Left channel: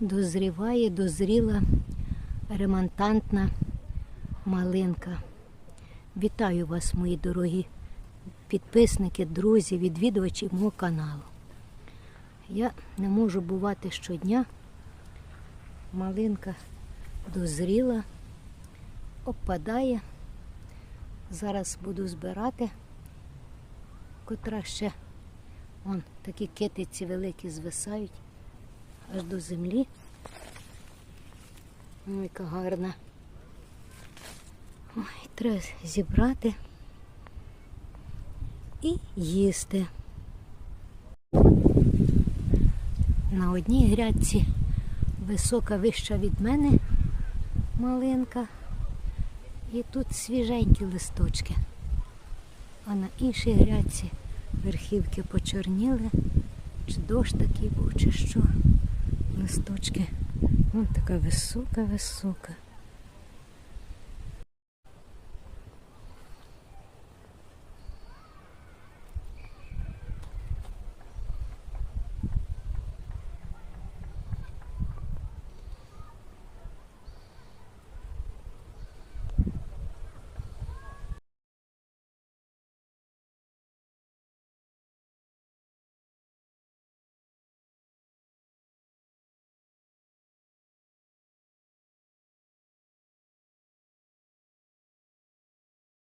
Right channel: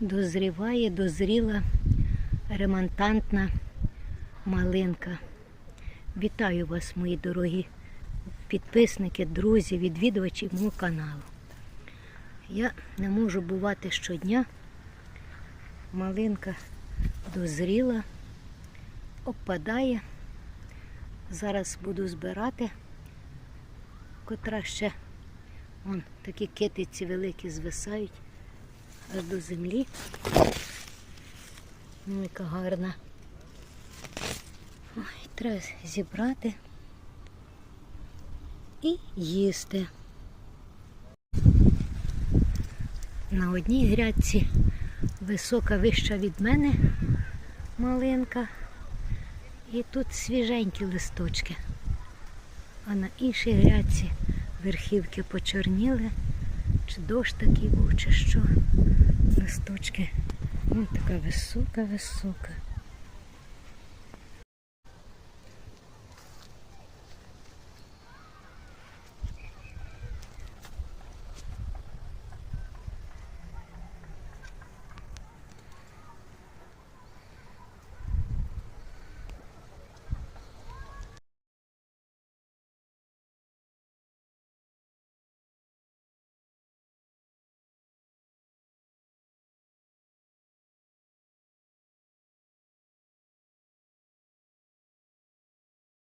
дозріває, дозріла ремонтантна малинка. Вітаю вас, мої дорогі підписники, друзі, відвідувачі мого каналу. Я не можу бувати щодня. Малинка дозріла, опадає. Зараз буду збирати, котра ще вон такі китиці великі звисають аж до землі. Ну, яка гарна. Ой, треба зібрати і їсти. На одній грядці висока вища від мене малинка. І тут свіженькі листочки. А на іншій грядці верхівки почорніли. Чи дощ такий був, чи що. Листочки. Вон така висока, висока.